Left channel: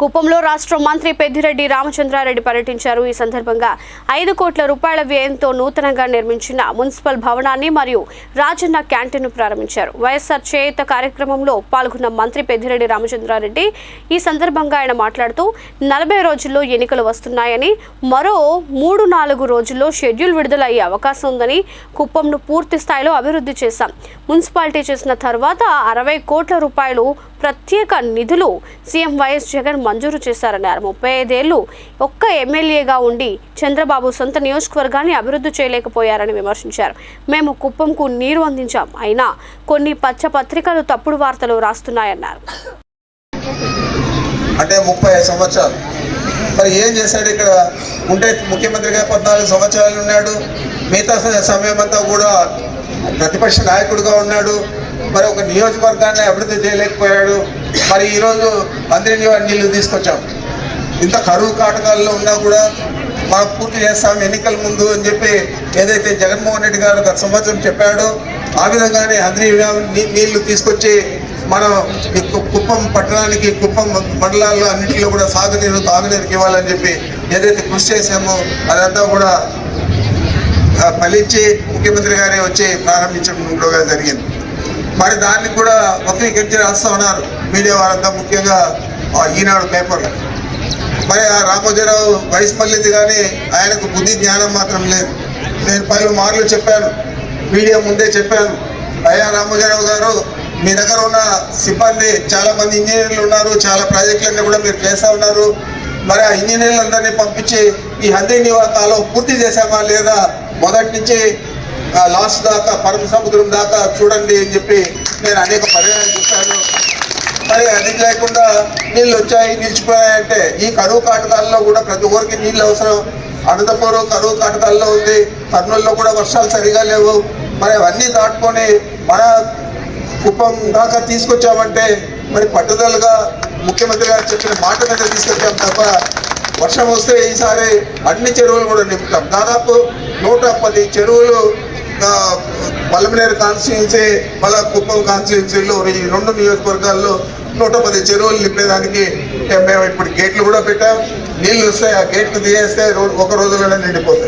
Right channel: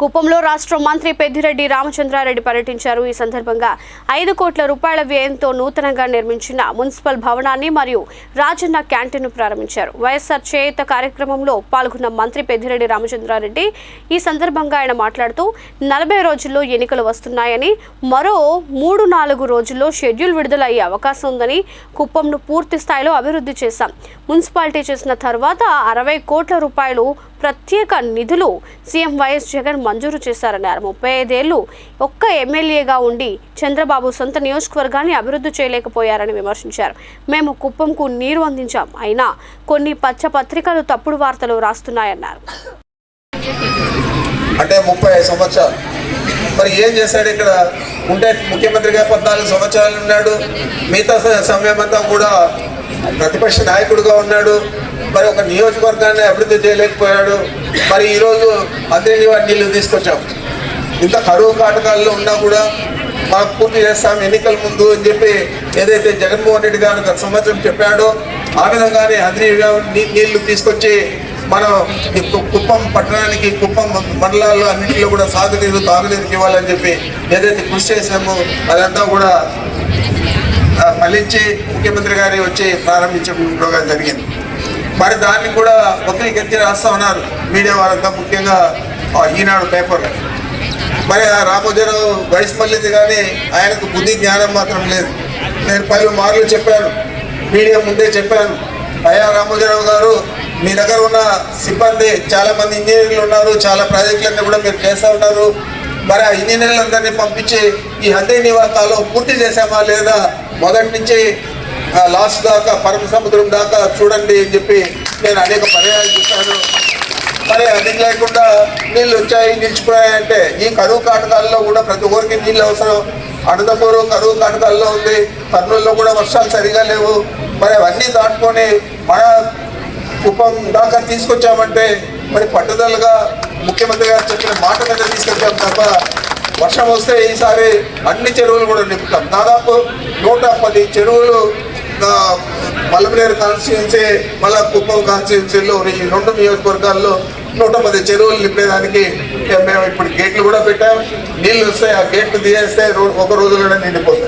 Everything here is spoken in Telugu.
కుప్పంలో రాష్ట్ర మంత్రి పెద్దిరెడ్డి రామచంద్రారెడ్డి పర్యటించారు. ఈ సందర్భంగా ఐదు కోట్ల రూపాయల వ్యయంతో నూతనంగా నిర్మించిన మున్సిపల్ భవనాన్ని మరియు రాజన్న క్యాంటీన్ను ప్రారంభించారు. వైఎస్ఆర్ చేయుత కార్యక్రమంలో పాల్గొన్న మంత్రి పెద్దిరెడ్డి రామచంద్రారెడ్డి ఈ సందర్భంగా ఆయన మాట్లాడుతూ నలభై రోజుల్లో ఎన్నికలు వస్తున్నాయని మరో మూడు నాలుగు రోజుల్లో షెడ్యూల్ విడుదల అయ్యే అవకాశం ఉందని కుప్పంను పూర్తి స్థాయిలో అభివృద్ధి చేశాం. మున్సిపాలిటీ చేసిన తర్వాత అరవై కోట్ల రూపాయలు ప్రత్యేక నిధులు సీఎం వైఎస్ జగన్ మంజూరు చేశారన్నారు. ముప్పై ఐదేళ్ళు ఒక్క ఎమ్మెల్యేగా ఉండి చంద్రబాబు సొంత నియోజకవర్గాన్ని అభివృద్ధి చేయలేకపోయారని విమర్శించారు. మేము కుప్పంకు నీరు అందించాం. అయినా కొన్ని పచ్చ పత్రికలు తప్పుడు వార్తలు రాస్తున్నాయన్నారు. అంటే ముప్పై సంవత్సరాలు. మరి ఏం చేశాడు ఇక్కడ? ఉంటే ముఖ్యమంత్రిగా పద్నాలుగు సంవత్సరాలు ఉన్నాడు. మిగతా సమయం అంతా కూడా ప్రతిపక్ష నాయకుడిగా ఉన్నాడు. మరి ఒక నియోజకవర్గాన్ని అభివృద్ధి చేయలేకపోయాడు. మరి ఈరోజు అందరినీ వారి తీసుకొచ్చాం. ఇంత కరువు కాటకాల్లో ఉన్నా కూడా మనం పూర్తి చేస్తాం ఎన్నికల ముందు అని చెప్పి ఏదైతే జగన్మోహన్ రెడ్డి గారు గత సంవత్సరం చెప్పాడో ఆ విధంగానే అందరి నీళ్ళు తీసుకొచ్చి మనం కుప్పం పట్టణానికి కుప్పం మండలాల్లో అన్నింటిలో కూడా సాగునీరు తాగునీరుకి ఇవ్వాలని చెప్పి ఏదైతే కృషి చేశామో అదంతా కూడా ఫలించి ముఖ్యమంత్రి గారి వచ్చి ప్రారంభించడం కూడా జరిగింది. మరి దాన్ని కూడా వక్రీకరించి రాస్తా ఉన్నారు మీడియా వారంతా ముఖ్యంగా ఈనాడు పేపర్లో మరి ఆ రామోజీరావు వయసు మళ్ళీంది కానీ ఆయనకు బుద్ధి జ్ఞానం మాత్రం లేదు. నేను పలు మార్లు చెప్పాను. మీడియా ముందే చెప్పాను. అయ్యా రామోజీరావు గారు మీ దగ్గర ఉన్న సిబ్బంది చాలా మంది ఇంజనీర్లు ఉన్నారు చాలా ప్రాజెక్టులన్నీ కూడా మీరు చేస్తూ ఉన్నారు. మరి ఆ ఇంజనీర్లందరినీ పంపించి ఈ హందీ నివాసాలు పూర్తి చేశామా లేదా? మొదటి నుంచి లాస్ట్ దాకా పరమ సముద్రం దాకా చూడండి అని చెప్పి నేను అనేక పర్యాలు చూశాను. మరి అది లేకుండా నీళ్ళు వచ్చాయి నిలిచిపోయాయంటే ఈ కరువు కాటకాల్లో కూడా ప్రతి ఒక్కరికి నీళ్ళు అవసరం. అడుదపూరు కరువు కాటకాల్లో ఉంది. కర్నూల్లో కూడా వర్షాలు సరిగా లేవు. మరి అవన్నీ దాటుకొని మన కుప్పం దాకా తీసుకొచ్చామంటే మరి పట్టుదలగా ముఖ్యమంత్రి గారు చెప్పిన మాట మీద తీసుకొచ్చాం తప్ప వర్షం వస్తే ఈసారి అన్ని చెరువులు కూడా నింపుతాం. దాదాపు నూట పది చెరువులు బలమనేరు మల్లమనేరు కాన్స్టిట్యున్సీ మళ్ళా కుప్పం కాన్స్టిట్యున్సీలో ఈ రెండు నియోజకవర్గాల్లో నూట పది చెరువులు నింపేదానికి మేము ఇప్పుడు గేట్లు కూడా పెట్టాం. నీళ్ళు వస్తే ఆ గేట్లు తీయేస్తే ఒక రోజులోనే నిండిపోతాయి.